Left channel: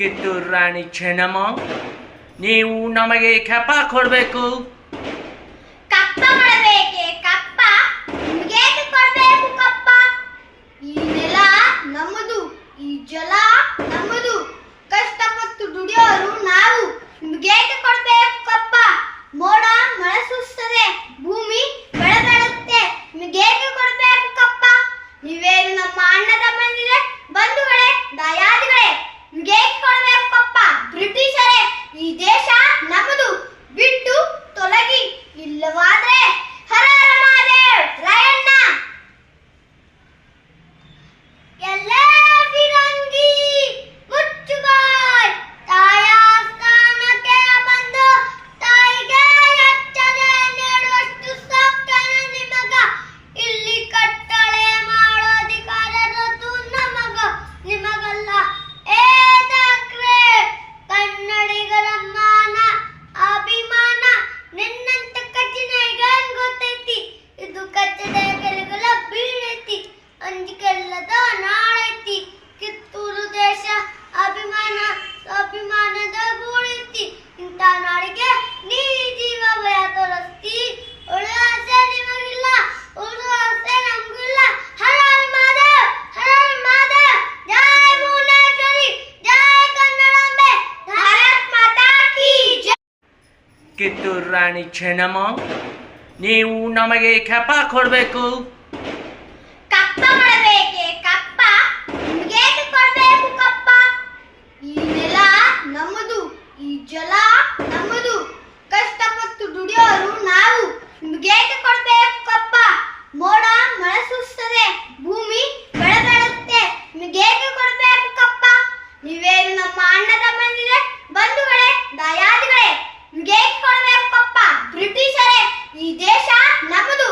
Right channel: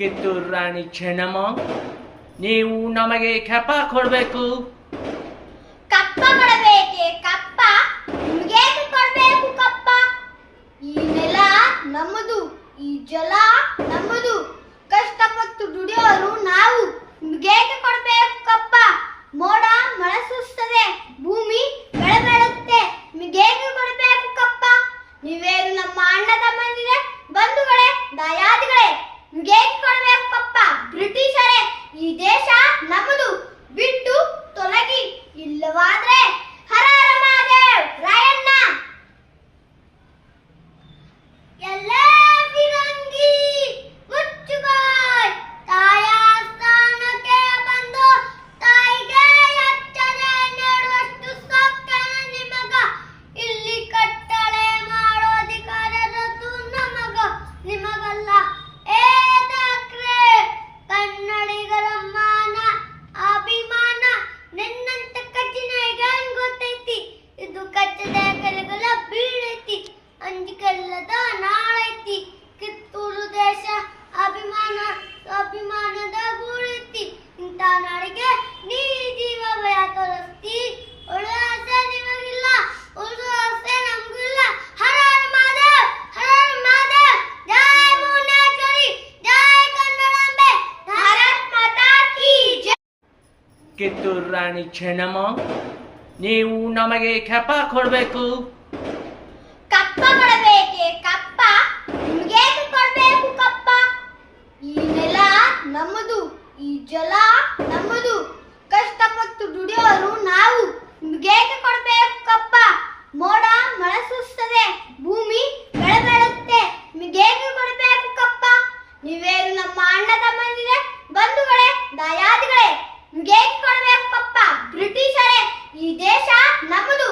ಕಿತ್ತೂರು ರಾಣಿ ಚೆನ್ನಮ್ಮ, ನೀವು ನಮಗೆ ಕಪ್ಪ ಕೊಡಬೇಕು. ಕಪ್ಪ ಕೊಡಬೇಕೆ? ಕಪ್ಪ ನಿಮಗೇಕೆ ಕೊಡಬೇಕು ಕಪ್ಪ? ಈ ನೆಲ ನಮ್ಮದು, ಈ ಜಲ ನಮ್ಮದು, ಕಷ್ಟಪಟ್ಟು ದುಡಿಯೋರು ನಾವು, ನಿಮಗೇಕೆ ಕೊಡಬೇಕು ಕಪ್ಪ? ಮೋಡ ಮಳೆ ಸುರಿಸ್ತದೆ, ಭೂಮಿ ಬೆಳೆ ಬೆಳೆಯುತ್ತೆ, ನಿಮಗೇಕೆ ಕೊಡಬೇಕು ಕಪ್ಪ? ನೀವೇನು ನಮ್ಮ ಅಣ್ಣ ತಮ್ಮಂದಿರೇ, ಬಂಧುಗಳೇ, ದಯಾದಿಗಳೇ, ನಿಮಗೇಕೆ ಕೊಡಬೇಕು ಕಪ್ಪ? ಬ್ರಿಟಿಷರೇ, ಈ ದೇಶ ನಮ್ಮದು, ಬಿಟ್ಟು ತೊಲಗಿ, ಇಲ್ಲವಾದ್ರೆ ಹರ ಹರ ಮಹಾದೇವ್ ರಾಯಣ್ಣ. ಎಲ್ಲೇ ಫಿರಂಗಿ ಮುಚ್ಚುಗಾಯ್, ತಾಯ ಸ್ಥಾನಕ್ಕೆ ಬಂದು ತಾಯಿಗೆ ಎಚ್ಚನೆ ನೀಡುವಷ್ಟು ಸಾಕ್ತಾನ ನಿಮಗ. ಇಲ್ಲಿ ಕಟ್ಟಳೆ ಮಾಡೋ ಅಧಿಕಾರ ನಮಗ, ನಿಮಗಲ್ಲ. ಏ ದಾಕ್ರೆ, ಕನ್ನಡಿಗರ ಮಾನ ಅಭಿಮಾನ ನಿನ್ನಂತ ಕಚ್ಚಿನಾಗ ಗೊತ್ತೈತಿ. ಇದು ಕಚ್ಚದ ಕೆಲಗಳ ಬೀಳೈತಿ, ಅಂಜಿಕೆಲ್ಲದ ನಾಳೈತಿ. ಕಿತ್ತೂರು ದೇಶ ಅಭಿಮಾನದ ಗೂಳೈತಿ. ಇಂಥ ನಾಡಿಗೆ ನೀ ಜೀವ ಭಯ ತೋರಿಸ್ತಿ. ಉಳಿದ ಆಸೆ ನಿಮಗಿಲ್ಲ, ಉಳಿದ ಆಸೆ ನಮಗಿಲ್ಲ. ಹರ ಹರ ಮಹಾದೇವ್, ಹರ ಹರ ಮಹಾದೇವ್. ಜೈ ಭುವನೇಶ್ವರಿ, ಜೈ ಕನ್ನಡಾಂಬೆ, ಭಾರತ್ ಮಾತಾ ಕೀ ಜೈ. ಕಿತ್ತೂರು ರಾಣಿ ಚೆನ್ನಮ್ಮ, ನೀವು ನಮಗೆ ಕಪ್ಪ ಕೊಡಬೇಕು. ಕಪ್ಪ ಕೊಡಬೇಕೆ? ಕಪ್ಪ ನಿಮಗೇಕೆ ಕೊಡಬೇಕು ಕಪ್ಪ? ಈ ನೆಲ ನಮ್ಮದು, ಈ ಜಲ ನಮ್ಮದು, ಕಷ್ಟಪಟ್ಟು ದುಡಿಯೋರು ನಾವು, ನಿಮಗೇಕೆ ಕೊಡಬೇಕು ಕಪ್ಪ? ಮೋಡ ಮಳೆ ಸುರಿಸ್ತದೆ, ಭೂಮಿ ಬೆಳೆ ಬೆಳೆಯುತ್ತೆ, ನಿಮಗೇಕೆ ಕೊಡಬೇಕು ಕಪ್ಪ? ನೀವೇನು ನಮ್ಮ ಅಣ್ಣ ತಮ್ಮಂದಿರೇ, ಬಂಧುಗಳೇ, ದಯಾದಿಗಳೇ, ನಿಮಗೇಕೆ ಕೊಡಬೇಕು ಕಪ್ಪ? ಬ್ರಿಟಿಷರೇ, ಈ ದೇಶ ನಮ್ಮದು,